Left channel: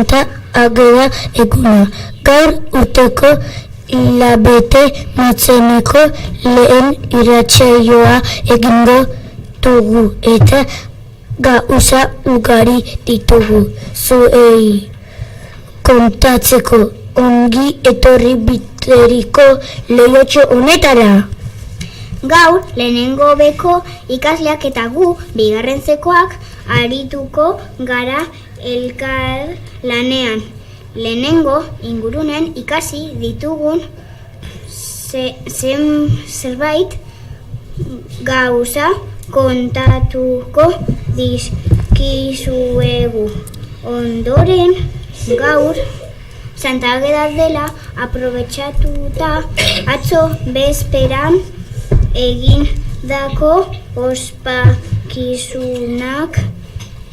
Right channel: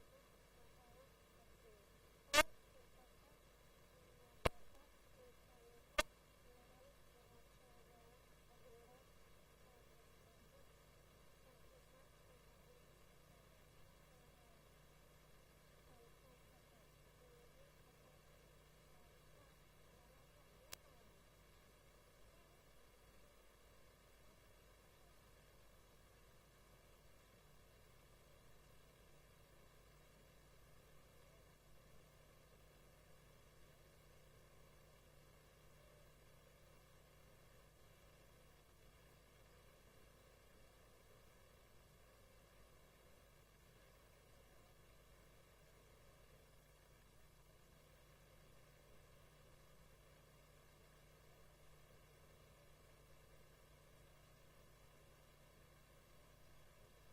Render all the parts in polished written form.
Eta agera eguna. Gaur urteko hilabete motzeneko lehen irratsaioa egingo dugu eta gauza ugari ditugu zuei kontatzeko. Ongi etorri biteriko leiotxo honetara. Gaur, lehenengo beko ikasleak eta gu, bigarrentzekoak, arituko gara elkar lanean. Lehenengo ingurunen ikasi ditugun zerbait gauza kontatuko dizkizuegu. Ondoren, gaur, Santa Ageda dela aprobetxatuta atzo bezperan egindako ospakizunak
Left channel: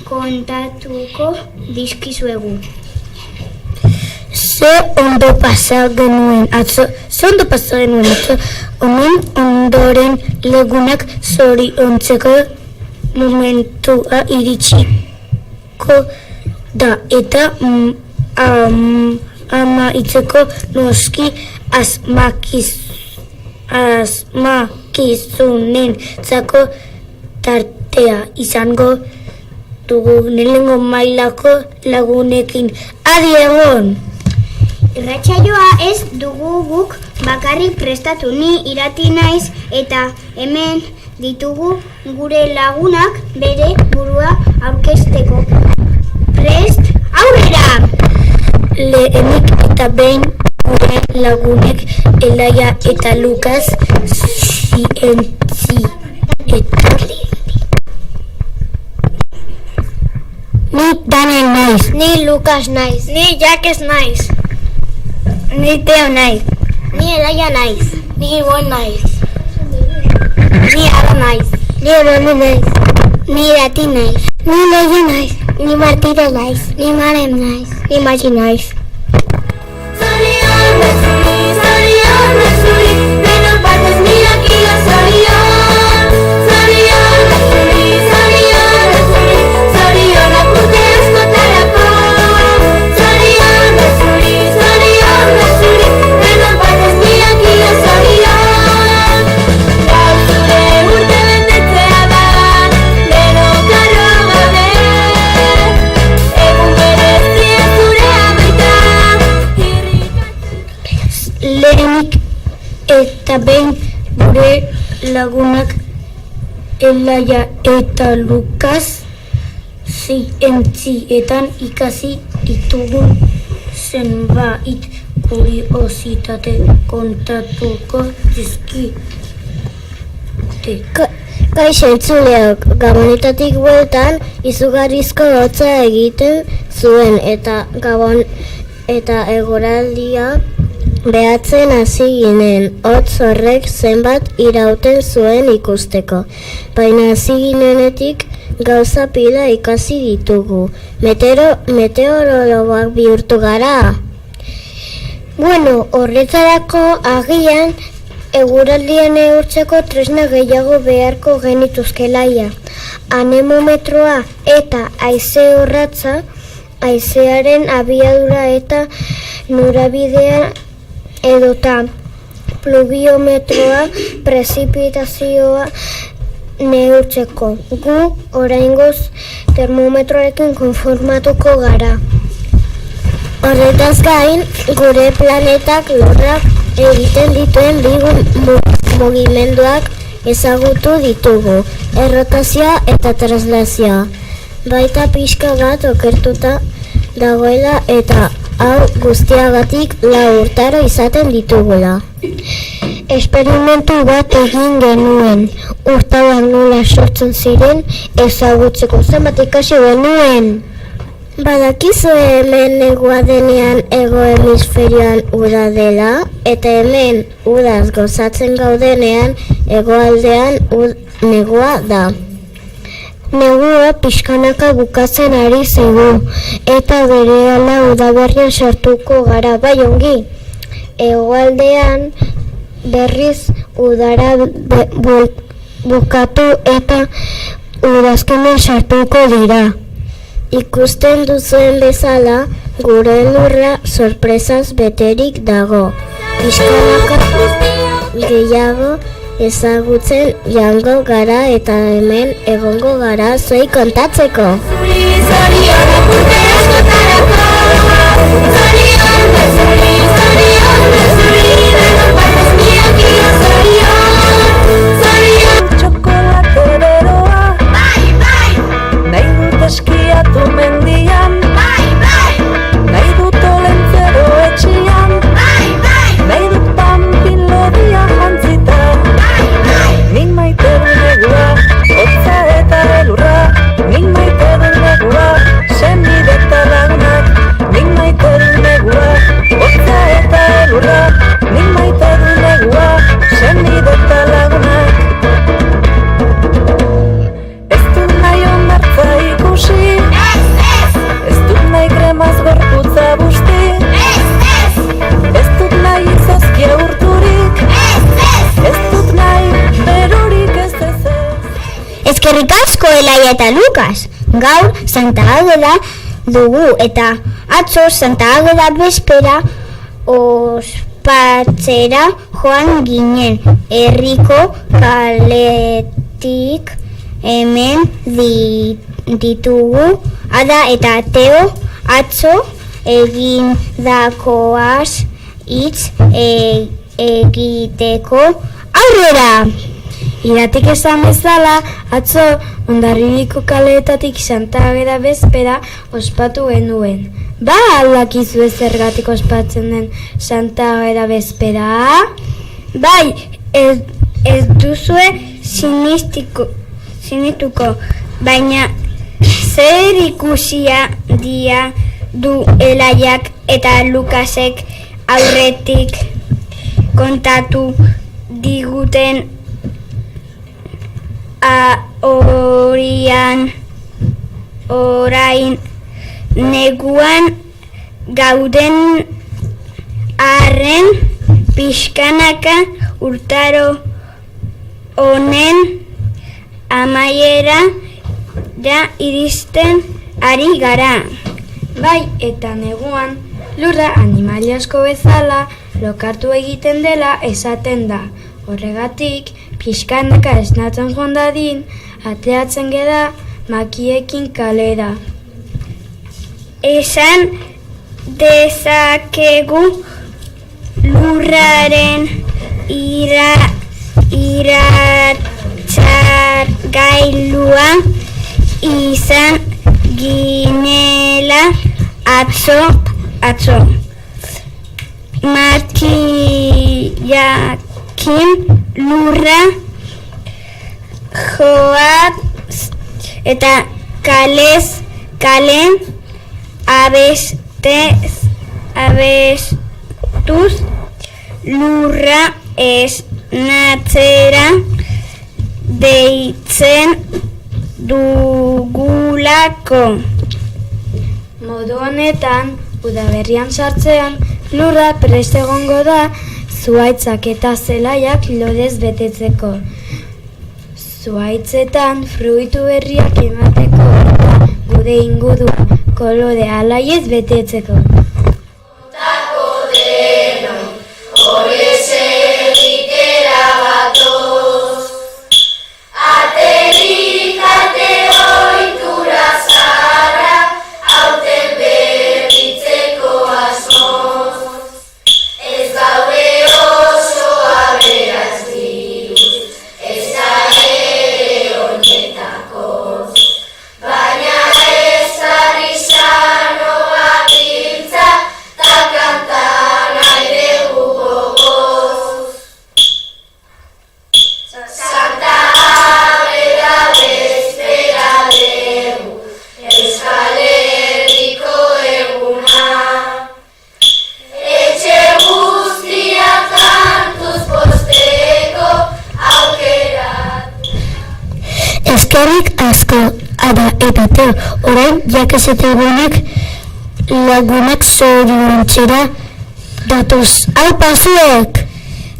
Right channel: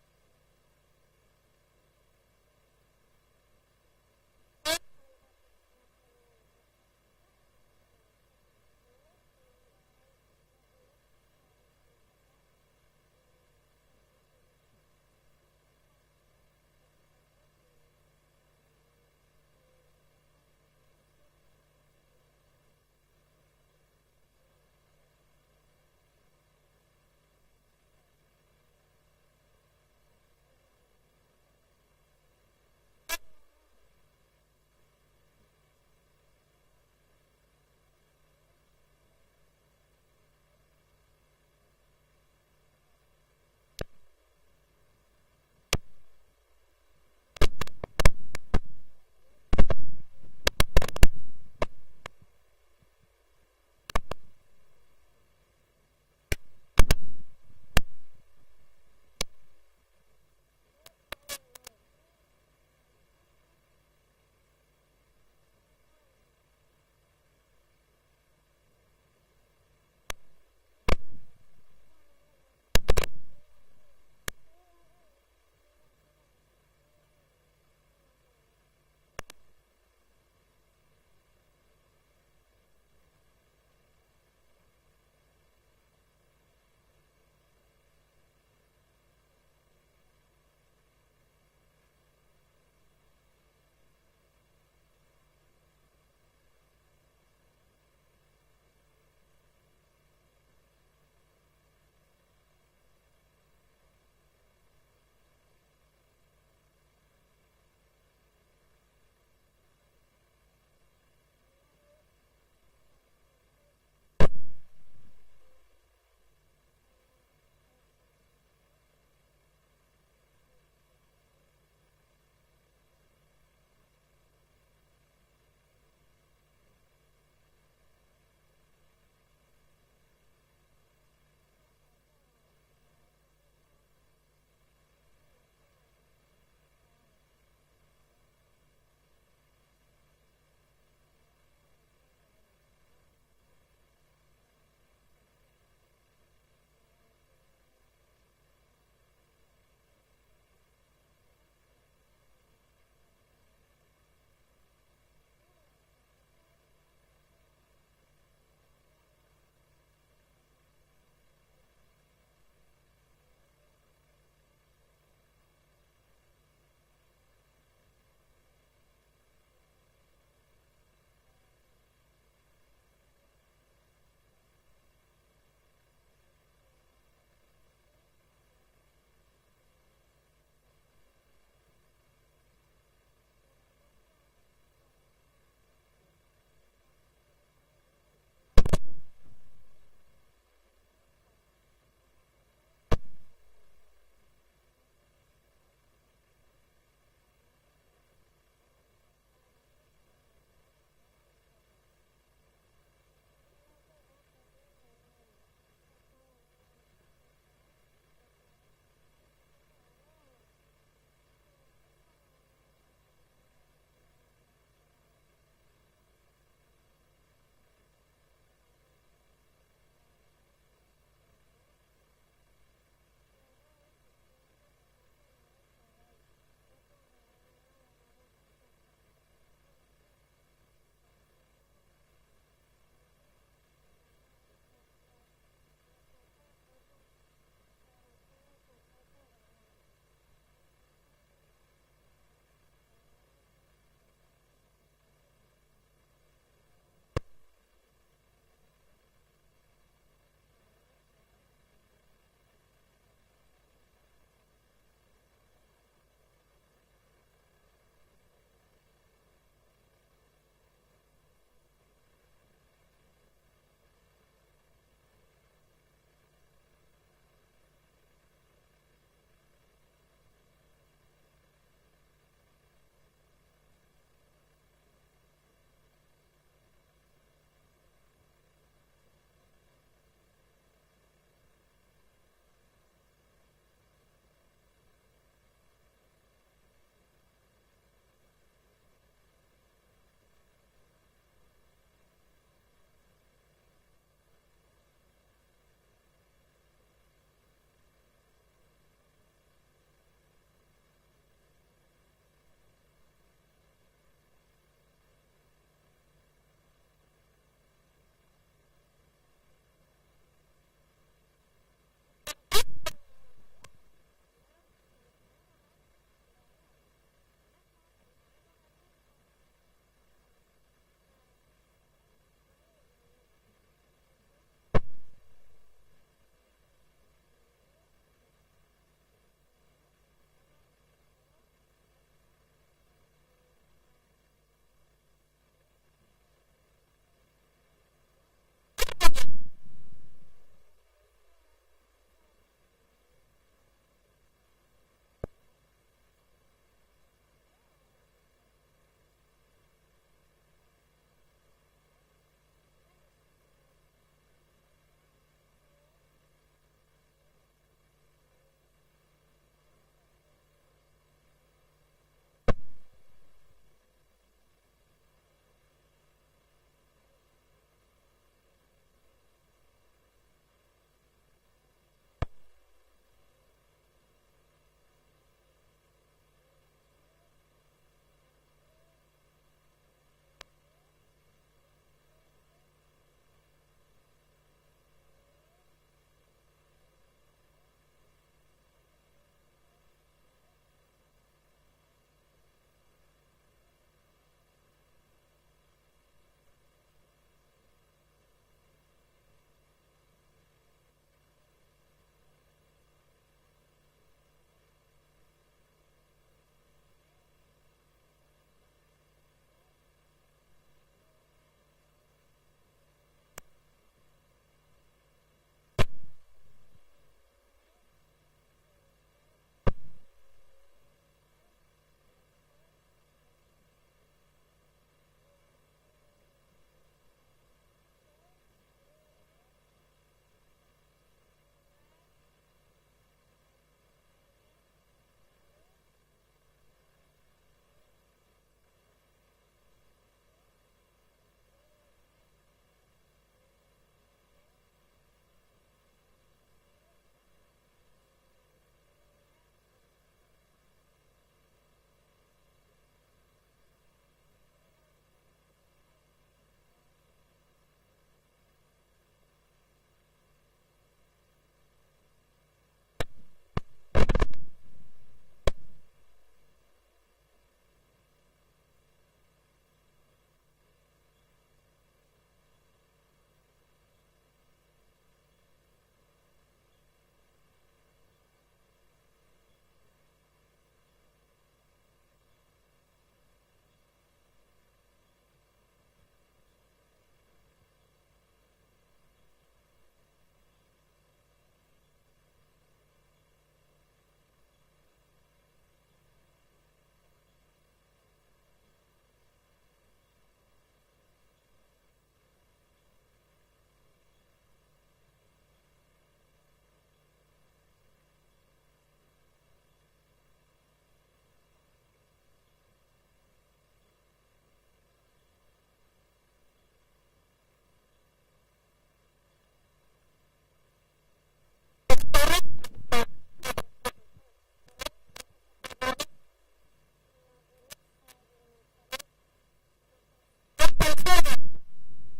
kontatuko dizkizuegu. Ze ondo pasa genuen atzo, honen ondoren lagunak zoriontzeko momentua iritsiko da eta amaitzeko noski asmakizunen zako tartea izango dugu lehenengo mailako lagunekin. Adi egon! Irratsaioa ez dugu guk bakarrik prestatu, ni irati naiz eta hemen ditugu gure lagunak bere burua aurkezteko. Prest, aurrera! Lehenik eta behin gure lagunek Elaia eta Lukas zientzi eta ni Daniel naiz. Ni Lukas naiz. Ni Jakes naiz. Ni Teo naiz. Ni Elaia naiz. Ni Ibon naiz. Ni Ara naiz. Ni Eboni naiz. Ni Irati naiz. Ni Leia naiz. Ni Martira naiz. Ni Marem naiz. Ni Magi naiz. Lehenik eta behin gure lagunak Elaia eta Lukas zientzietan ikasi ditugun zenbait kuriositate kontatuko dizkigute. Kaixo entzuleok, Gabonetatik bueltan izugarrizko hotza egiten zuen eta Gabon eta eguraldia behatzen hasi ginen, hotz horrek zenbat irauten zuen ikusteko. Baina hasi ginenetik gauza pila ikasi ditugu. Meteorologoak bihurtu gara. Bueno, horretarako agian eguraldia neurtzeko tresna gehiago beharko genituzkelaia. Anemometroa eta haize orratza, haizearen abiadura eta norabidea edota pluviometroa prezipitazioa neurtzeko. Gu oraingoz termometroarekin konformatuko gara. Horretaz gain, gure planetak lurrak egiten dituen bi mugimenduak ezagutu ditugu, errotazioa eta translazioa. Baita pixka bat okertuta dagoela eta hau guztiagatik 4 urtaro izaten ditugula. Esperimentu bat egin genuen, urtaroak nola sortzen ziren ezagutzeko. Zenbat ikasi genuen. Badakizu hemen negua denean hego hemisferioan uda dela, eta hemen udaz gozatzen gaudenean hegoaldean negua da. Negua pixkanaka bukatzen ari zaigu, eta berehala udaberrian sartuko gara, bai ongi. Hegoaldean berriz udara bukatu eta udazkenean sartuko dira. Ikusten duzuen bezala, gure lurra sorpresaz beterik dago. Pixkanaka gehiago ezagutzen joango gara eta hemen egongo gara zuei kontatzeko. Eskiatu mendian, nahi dut olentzero etxian, nahi dut panpin lodia jantzita. Nik maite du negua, hotza eta elurra, nik maite du negua, senide eta lagunak. Nik maite du negua, hotza eta elurra, nik maite du negua, senide eta lagunak. Ez dut nahi kremaz gorputza busti. Ez dut nahi izozkia urturik. Ez dut nahi berurik ez. Eskerrik asko Elaia eta Lukas. Gaur Santa Ageda dugu eta atzo Santa Ageda bezpera ospatzera joan ginen. Herriko kaletik hemen ditugu Ada eta Teo atzo egindakoaz hitz egiteko aurrera! Iratik esan bezala, atzo Hondarribiko kaleetatik Santa Ageda bezpera ospatu genuen. Ba aldakizu zergatik ospatzen den Santa Ageda bezpera? Bai, ez duzue sinituko, baina zer ikusia dia du Elaiak eta Lukasek aurretik kontatu diguten orain neguan gauden arren pixkanaka urtaro honen amaiera da iristen ari gara. Bai, eta neguan lurra animali asko bezala lokartu egiten dela esaten da. Horregatik, pixkanaka esnatzen joan dadin, ateatzen geda makiekin kalera. Esan dezakegu lurraren iratzargailua izan ginela atzo. Makiakin lurra joaz eta kalen abestuz lurra esnatzera deitzen dugulako. Modu honetan, udaberrian sartzean, lurra prest egongo da zuhaitzak eta zelaiak lodez betetzeko. Zuhaitzetan fruitu berriak emateko eta gude ingudua kolore alaiez betetzeko. Eskerrik asko, Ada eta Teo, orain jakezetegunek lagunak zoriontzera datoz. Aupa zuek!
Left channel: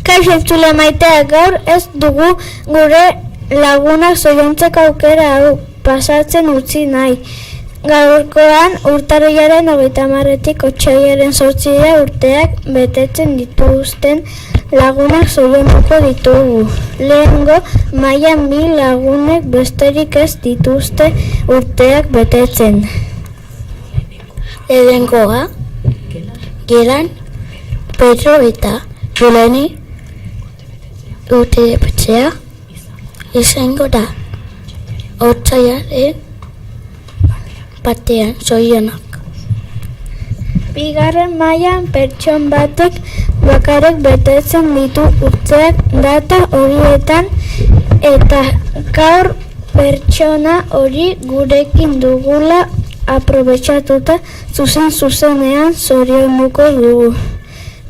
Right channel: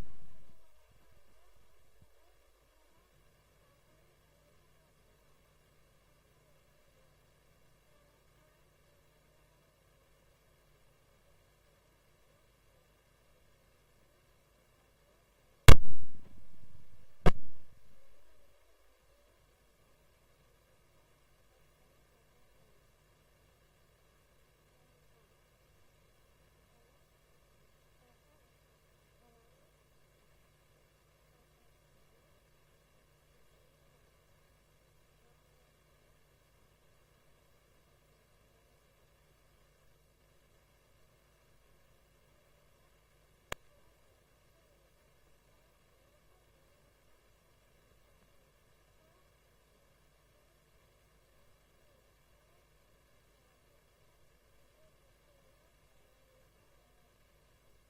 Kaixo entzule maitea, gaur ez dugu gure lagunak zoriontzeko aukera hau pasatzen utzi nahi. Gaurkoan urtarrilaren 30-etik otsailaren 8 urteak betetzen dituzten lagunak zorionduko ditugu. Lehengo mailan 1000 lagunek besterik ez dituzte urteak betetzen. Lehengoa, Gelan, Pedro eta Juleni urte betetzea izango da. Otsailaren batean zorionak. Bigarren mailan pertson batek bakarrik betetzen ditu urteak data horietan eta gaur pertsona hori gurekin dugula aprobetxatuta zuzenean zorionduko dugu.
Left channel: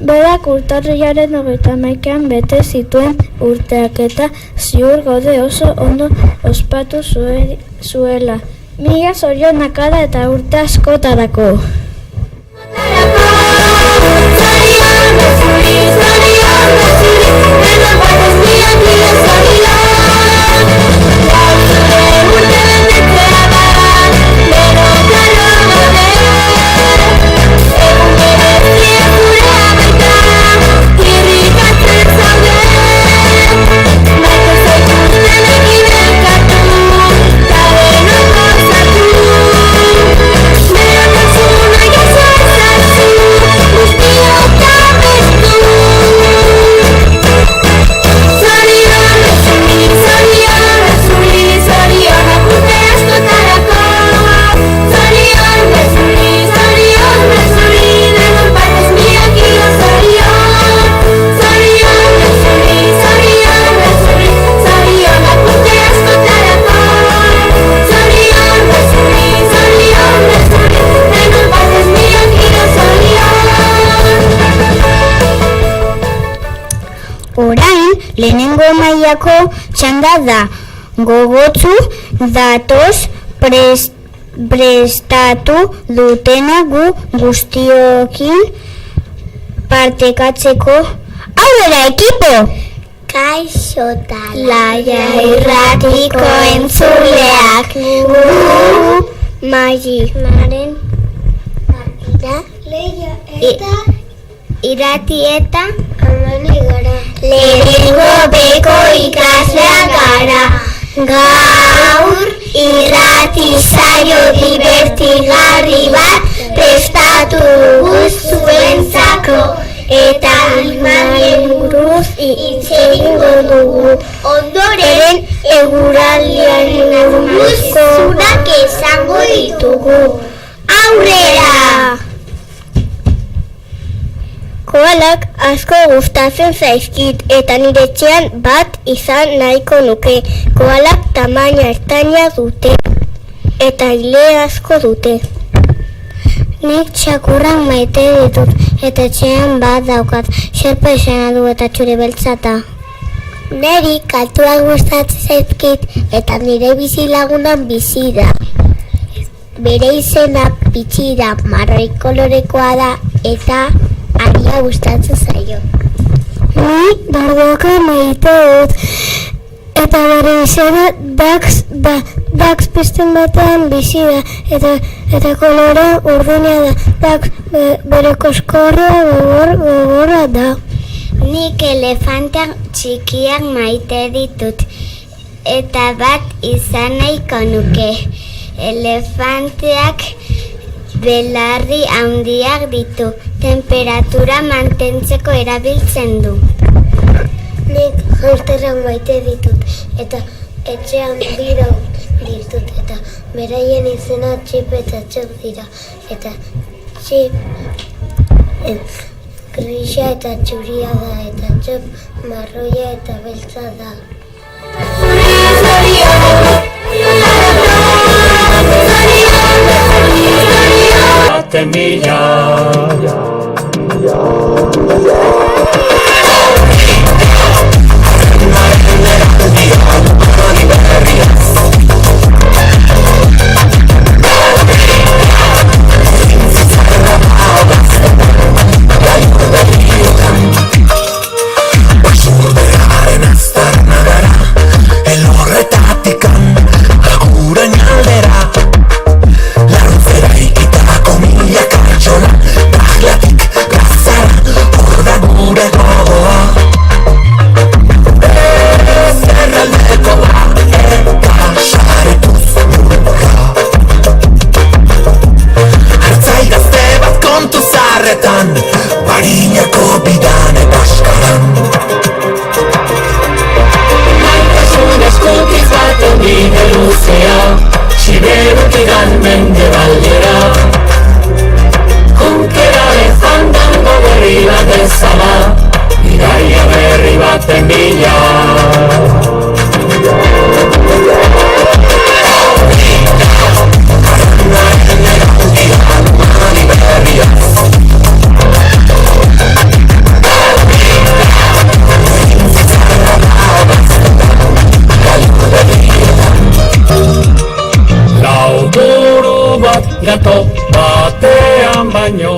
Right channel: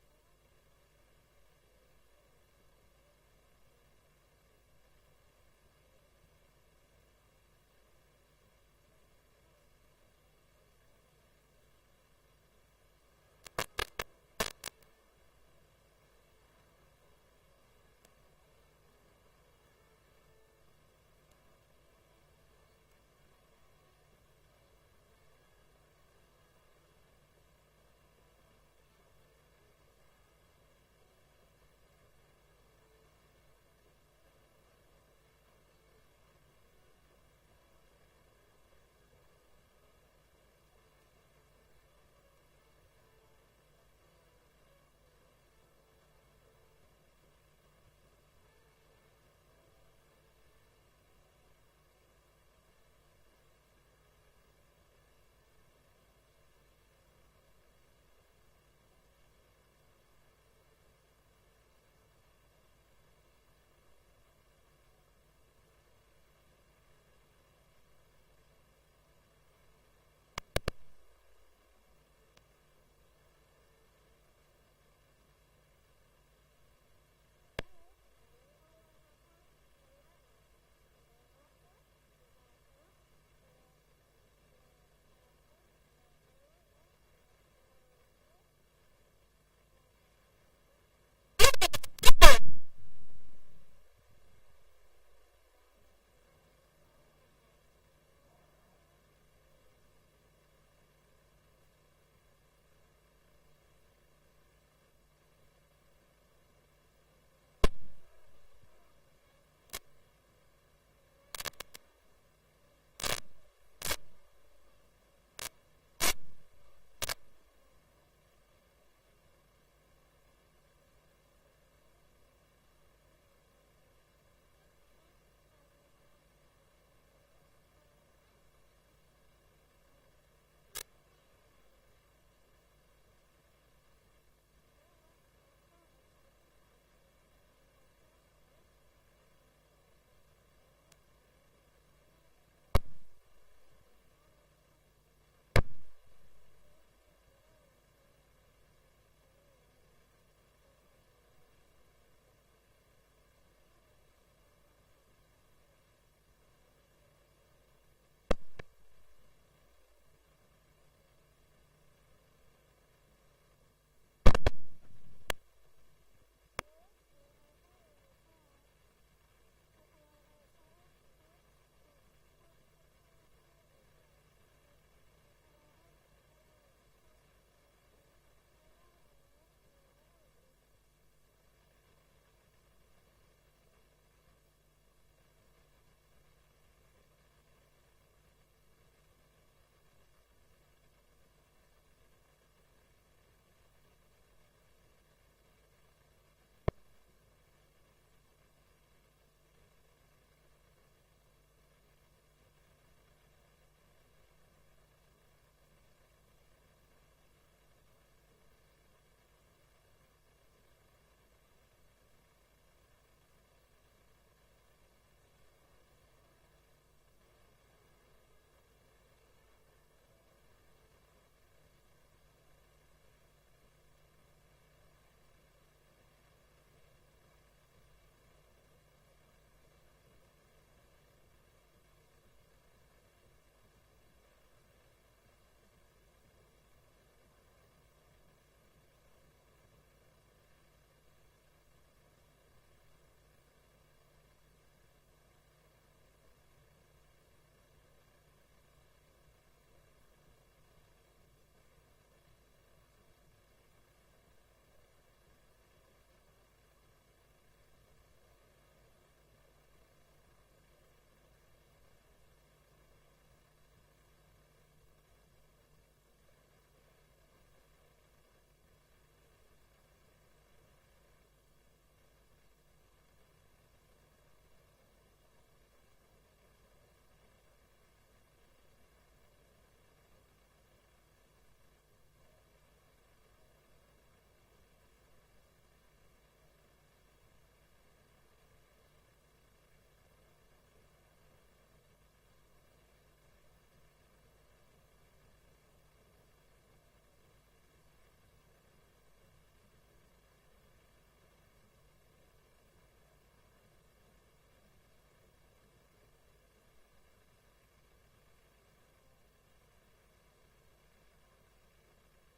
Berak urtarrilaren 31an bete zituen urteak eta ziur gaude oso ondo ospatu zuela. Mila zorionak eta urte askotarako. Orain, lehenengo mailako txanda da. Gogotsu datoz prestatu dutena gu guztiokin partekatzeko. Aurrera, ekipo! Kaixo Laia irratiko entzuleak, gu Magi Maren Leia eta irati eta Amani gara. Lehenengo beko ikaslea gara. Gaur irrati saio divertigarri bat prestatu dugu zuentzako. Eta animalien buruz hitz egingo dugu. Ondoren eguraldiaren buruz zurak esango ditugu. Aurrera! Koalak asko gustatzen zaizkit eta nire etxean bat izan nahiko nuke. Koalak tamaina ertaina dute eta ile asko dute. Nik txakurrak maite ditut eta etxean bat daukat. Xerpa izena du eta txuri beltzata. Neri kaltuak gustatzen zaizkit eta nire bizilagunan bizi da. Bere izena Pitxi da, marroi kolorekoa da eta aria gustatzen zaio. Ni bardoka maite dut eta bere izena Dax da. Dax pizten batean bizi da eta kolore urdina da. Dax bere koskorra gogorra da. Nik elefanteak txikiak maite ditut eta bat izan nahiko nuke. Elefanteak belarri handiak ditu, temperatura mantentzeko erabiltzen du. Nik hamsterrak maite ditut eta etxean biro ditut eta beraien izena Txip eta Txop dira. Eta Txip grisa eta txuria da eta Txop marroia eta beltza da. El horretatik agurain aldera, zarretan, Barinako bidan eta askaran. Maitasun eskutiz baten bide luzea, Siberutik mendebaldera. Konkeraren fandango berri bat ezala, bidaia berri baten bila. Lauburu bat gato batean baino.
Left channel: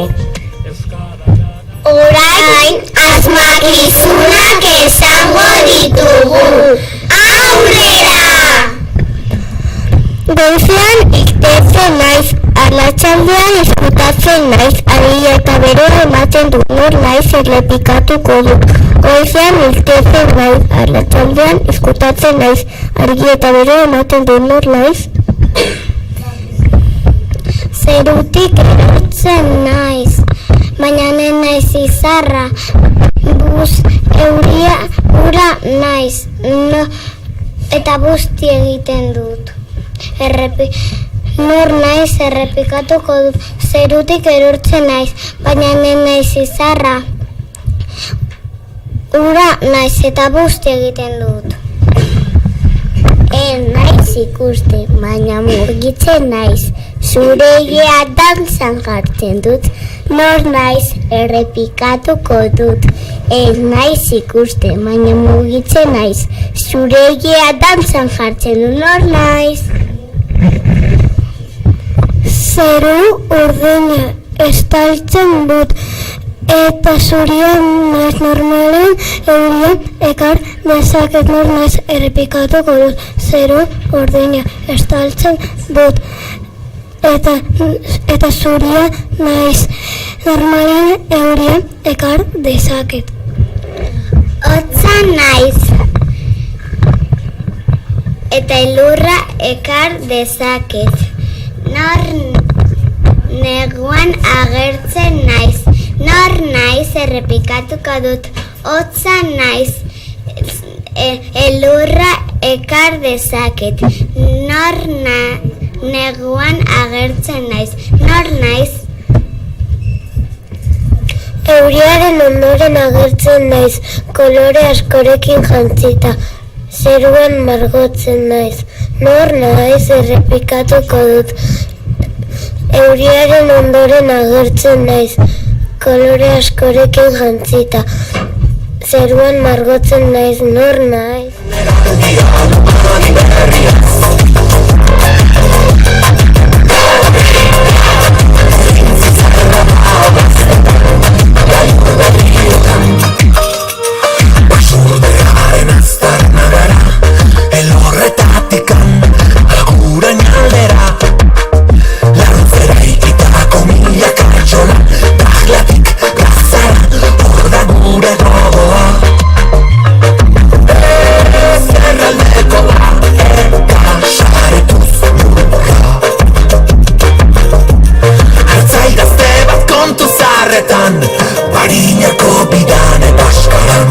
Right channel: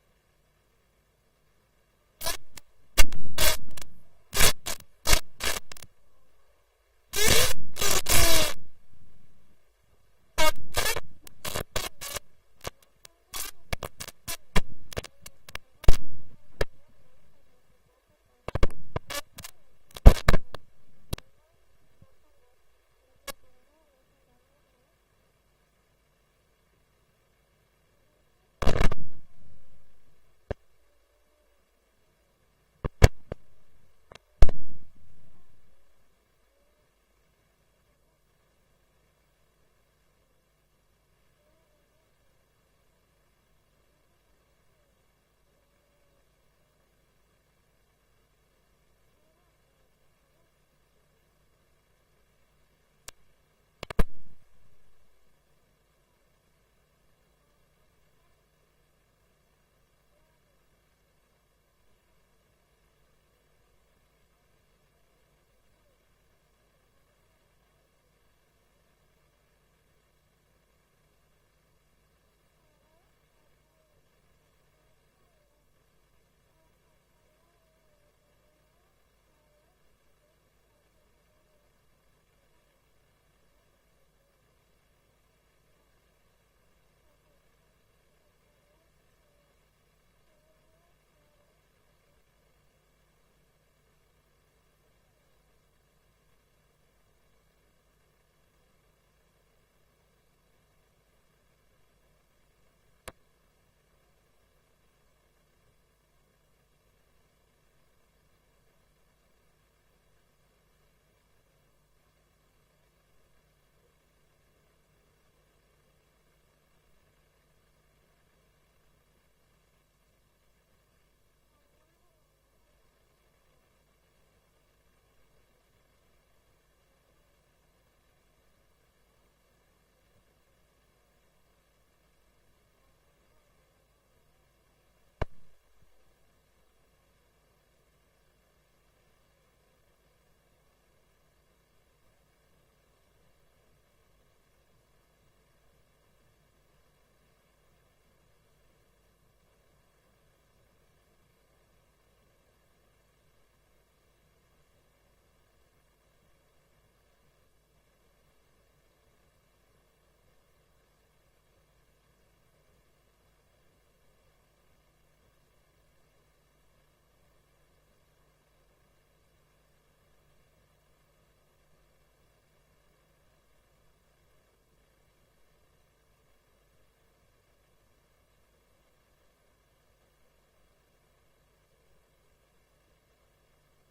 Orain asmakizunak esango ditugu. Aurrera! Goizean iktetzen naiz, arratsaldean ezkutatzen naiz, argia eta bero ematen du, nor naiz errepikatuko du. Goizean iktetzen naiz, arratsaldean ezkutatzen naiz, argia eta bero ematen du, nor naiz. Zerutik erortzen naiz, baina naiz izarra, buz euria ura naiz, eta busti egiten dut. Nor naiz errepikatuko dut, zerutik erortzen naiz, baina naiz izarra, ura naiz eta busti egiten dut. Naiz ikuste, baina mugitzen naiz, zuregia dantzan jartzen dut, nor naiz errepikatuko dut. Naiz ikuste, baina mugitzen naiz, zuregia dantzan jartzen dut, nor naiz. Zeru urdina estaltzen dut, eta zurian naiz normalen eurian ekar dezaket, nor naiz errepikatuko dut. Zeru urdina estaltzen dut, eta zuria naiz normalen eurian ekar dezaket. Hotza naiz, eta elurra ekar dezaket. Nor neguan agertzen naiz, nor naiz errepikatuko dut. Hotza naiz, elurra ekar dezaket. Nor neguan agertzen naiz, nor naiz. Euriaren ondoren agertzen naiz, kolore askorekin jantzita. Zeruan margotzen naiz, nor naiz errepikatuko dut. Euriaren ondoren agertzen naiz, kolore askorekin jantzita. Zeruan margotzen naiz, nor naiz. Basurdearen aztarna gara, elorretatikan agurain aldera. Laruntzera ikitako mila kartxola, dahlatik gazara, hor da gure gogoa. Zerraldeko da, eta saretuz lurra. Hartzaigazte bat kontu zarretan, Barinako bidan eta askaran.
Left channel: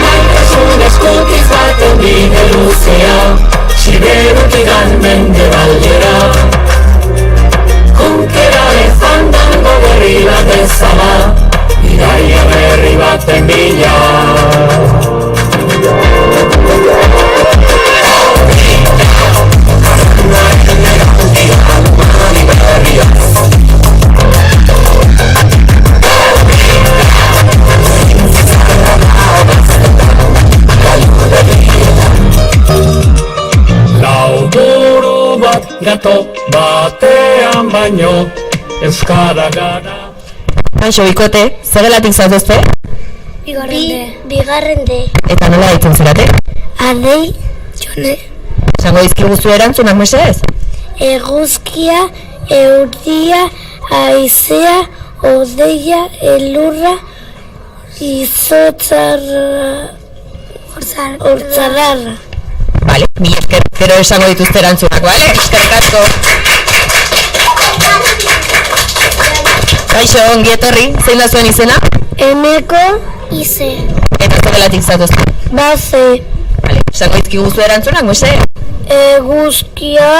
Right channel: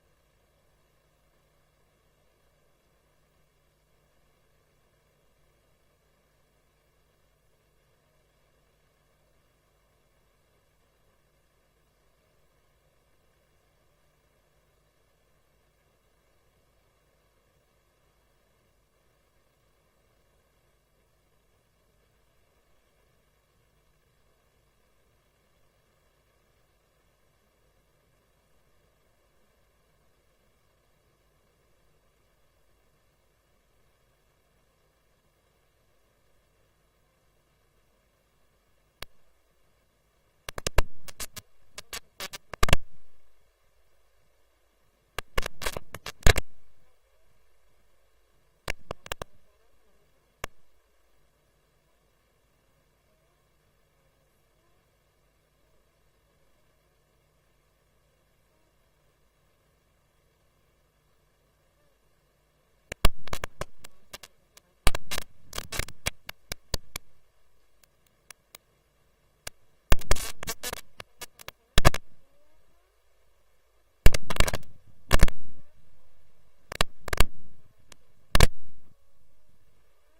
Maitasun eskutiz baten bide luzea, Siberutik mendebaldera. Konkeraren fandango berri bat ezala, bidaia berri baten bila. Lauburu bat gato batean baino, euskara gara. Kaixo, bikote, zergelatik zaudezte? Bigarren de. Eta nola ditzen zerate? Adei, jone. Zango dizkiguzu erantzunak mesedez? Eguzkia, euria, haizea, odeia, elurra, izotzarra, hortzarrarra. Vale, mi esker, gero esango dituzte erantzunak, vale? Eskerrik asko. Bigarren de. Bi. Bigarren de. Eta nola ditzen zerate? Adei, jone. Eguzkia, euria, haizea, odeia, elurra, izotzarra, hortzarrarra. Vale, mi esker, gero esango dituzte erantzunak, vale? Eskerrik asko. Kaixo, ongi etorri, zein da zuen izena? Eneko ize. Eta zogelatik zatozte. Baze. Vale, esango izkigu zu erantzunak, Moise? Eguzkia.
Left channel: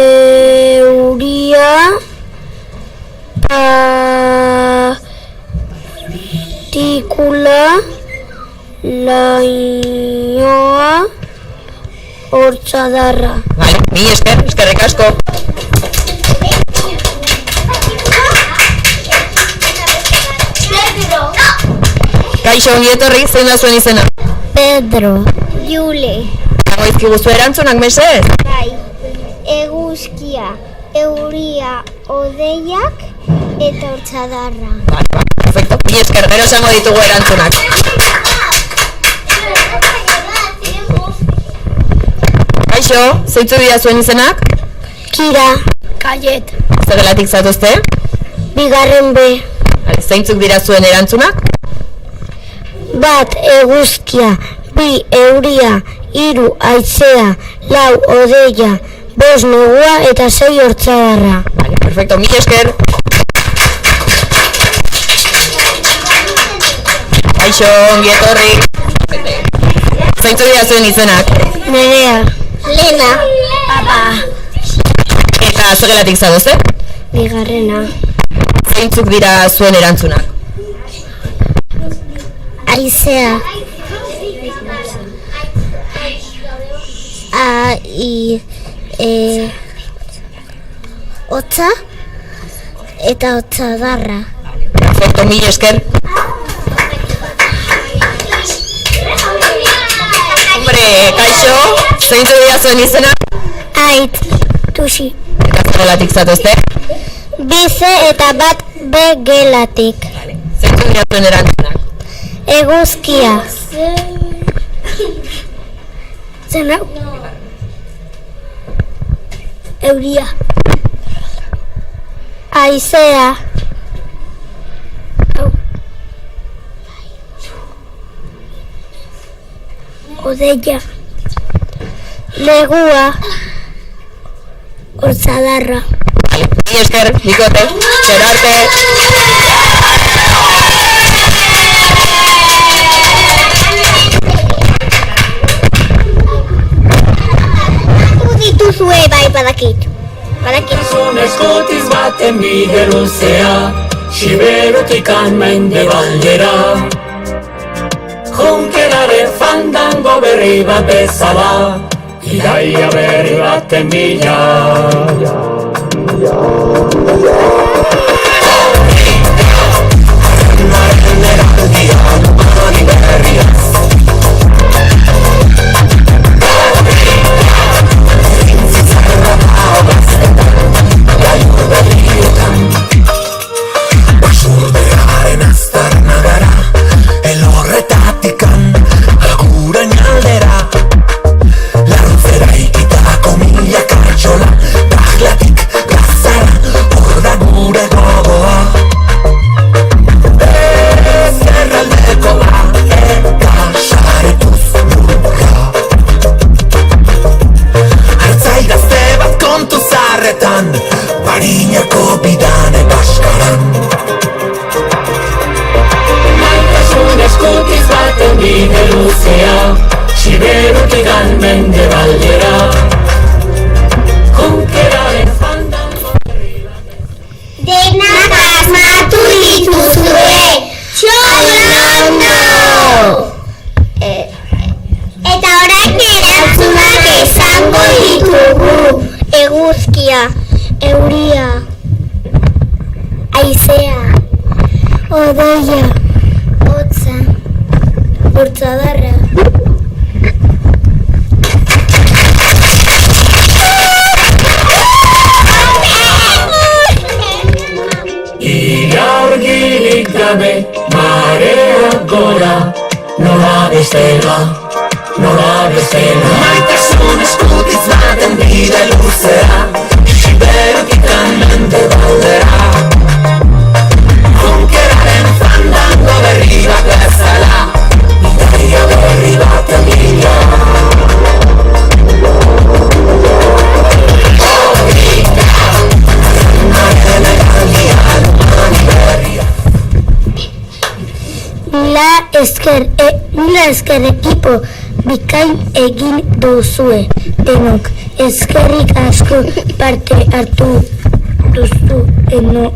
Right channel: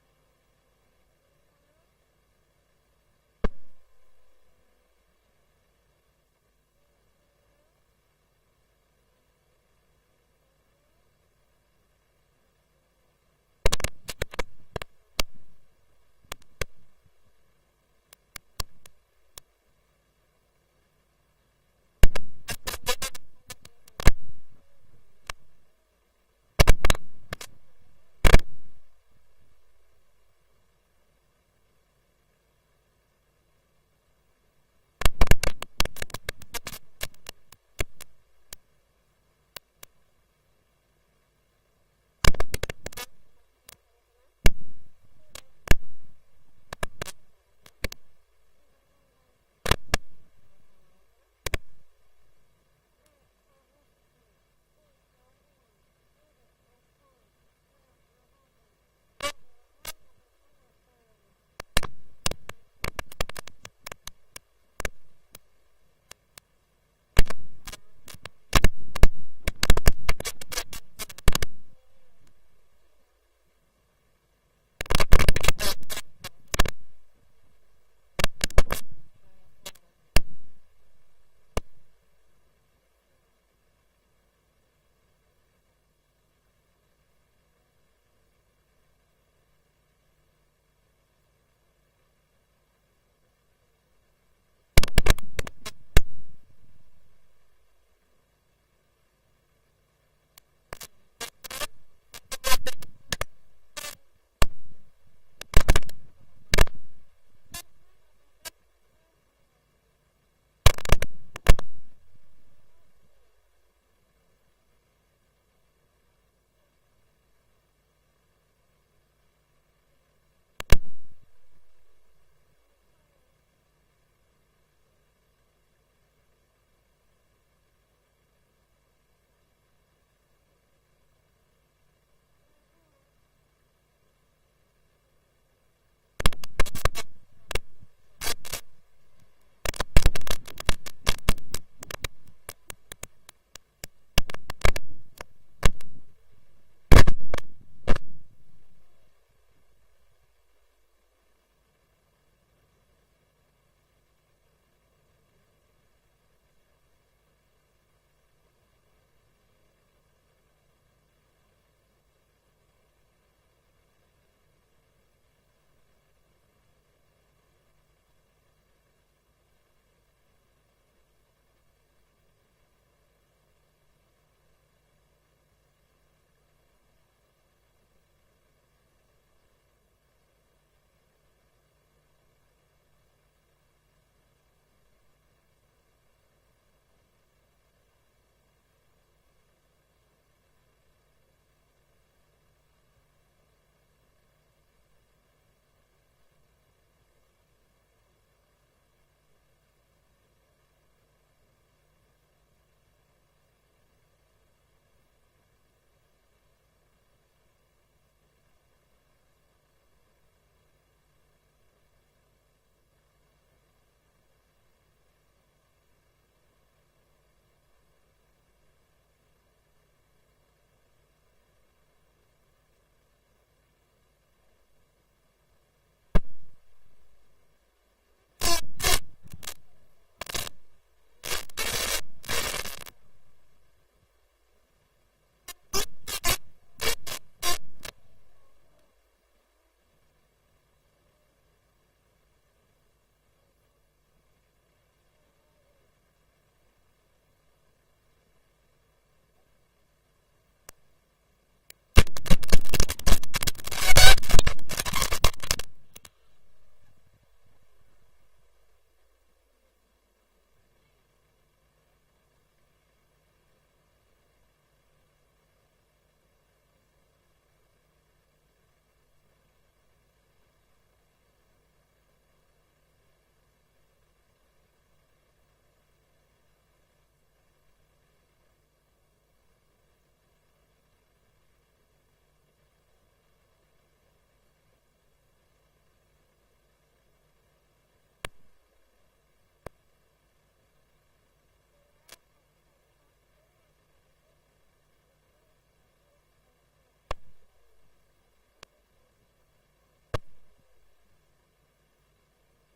Euria. Partikula. Lainoa. Hortzadarra. Vale, mi eskerrik asko. Kaixo, ongi etorri, zein da zuen izena? Pedro. Jule. Esango izkigu zu erantzunak, mesedez? Bai. Eguzkia, euria, odeiak eta hortzadarra. Vale, perfecto. Mi esker, gero esango ditugu erantzunak. Kaixo, zeintzu dira zuen izenak? Kira. Kaiet. Zogelatik zatozte? Bigarren B. Vale, zeintzuk dira zuen erantzunak? Bat eguzkia, bi euria, hiru haizea, lau odeia, bost negua eta 6 hortzadarra. Vale, perfecto, mi esker. Kaixo, ongi etorri. Zeintzuk dira zuen izenak? Nerea. Lena. Papa. Eta zogelatik zatozte? Bigarrena. Zeintzuk dira zuen erantzunak? Haizea. Hotza eta hotzadarra. Perfecto, mi esker. Hombre, kaixo, zeintzuk dira zuen izenak? Ait. Tusi. Eta zogelatik zatozte? Bize eta bat begelatik. Zeintzuk dira zuen erantzunak? Eguzkia. Zen hau? Euria. Haizea. Hau. Odeia. Legua. Hortzadarra. Mi esker, bikote, gero arte. Dituzue bai badakit. Zun eskutiz baten bide luzea, Siberutikan mendebaldera. Junkeraren fandango berri bat bezala, Iraia berri baten bila. Basurdearen aztarna gara, elorretatikan agurain aldera. Larruzera ikitako mila kartxola, bahlatik plazara, hor da gure gogoa. Ezkerraldeko eta saretuz lurra. Hartzai gazte bat kontu zarretan, Barinako bidane baskaran. Maitasun eskutiz baten bide luzea, Siberutikan mendebaldera. Junkeraren fandango berri bat. Denak asmatu dituzue. Txolondo! Eta orain erantzunak esango ditugu. Eguzkia, euria, haizea, odoia, hotza, hortzadarra. Ilargirik gabe, marea gora, nola bestela. Maitasun eskutiz baten bide luzea, Siberutikan mendebaldera. Junkeraren fandango berri bat bezala, Iraia berri baten bila. Mila esker ekipo bikain egin duzue denok. Eskerrik asko parte hartu duzu ere.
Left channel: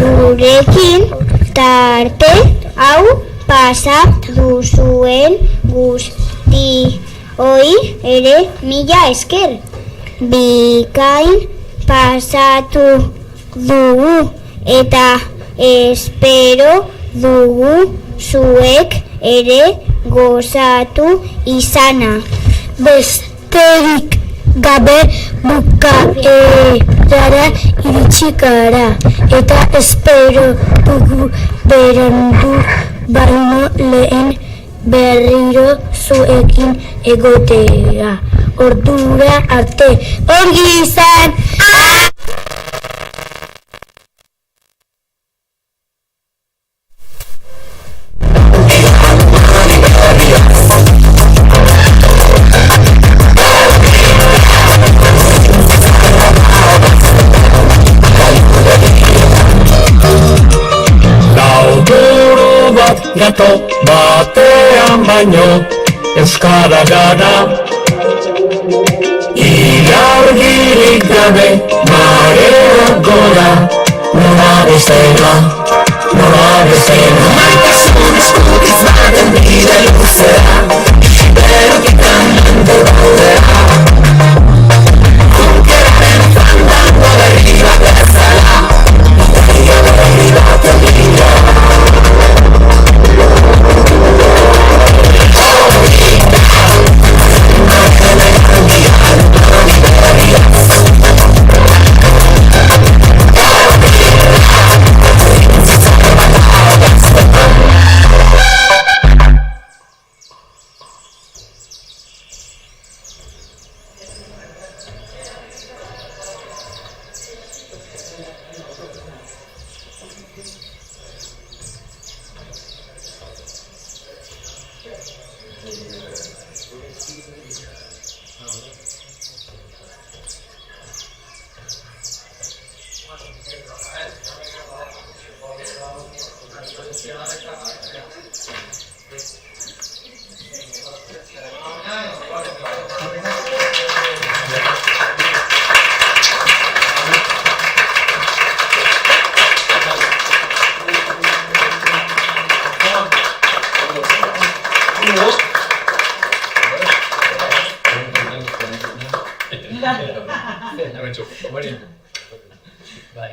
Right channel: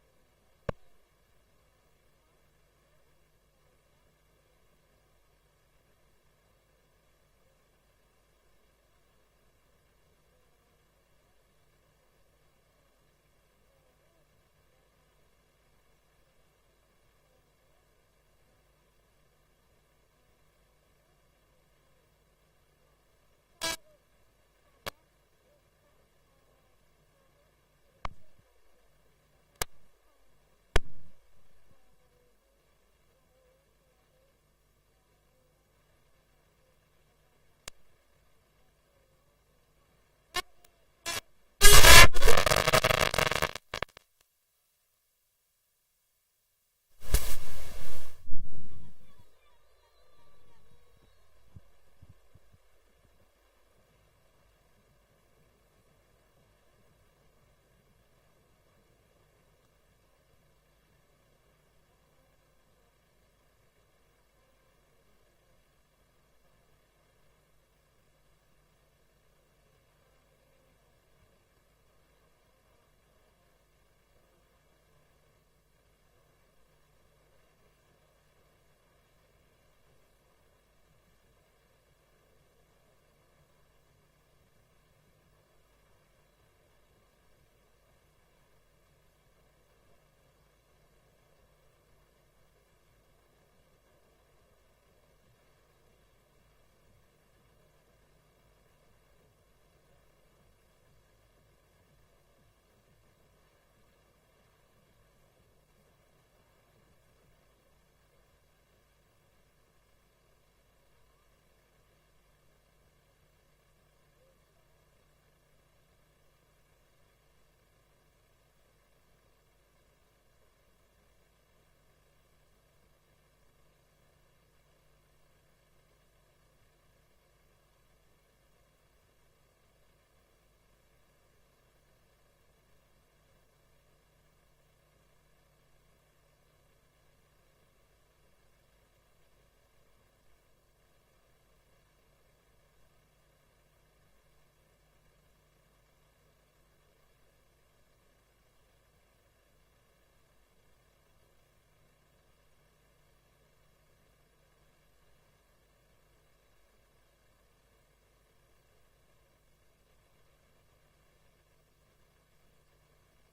Gurekin tarte hau pasa duzuen guztioi ere mila esker. Bikain pasatu dugu eta espero dugu zuek ere gozatu izana. Besterik gabe bukaerara iritsi gara eta espero dugu berandu baino lehen berriro zuekin egotea. Ordura arte, ongi izan! Lauburu bat gato batean baino euskara gara. Ilargirik gabe mareak gora, nola bezala, nola bezala. Maitasun eskutitz baten bide luzea, berokitan mende daudea. Kunkeraren fandango berri bat bezala, berri bat egia. Bai,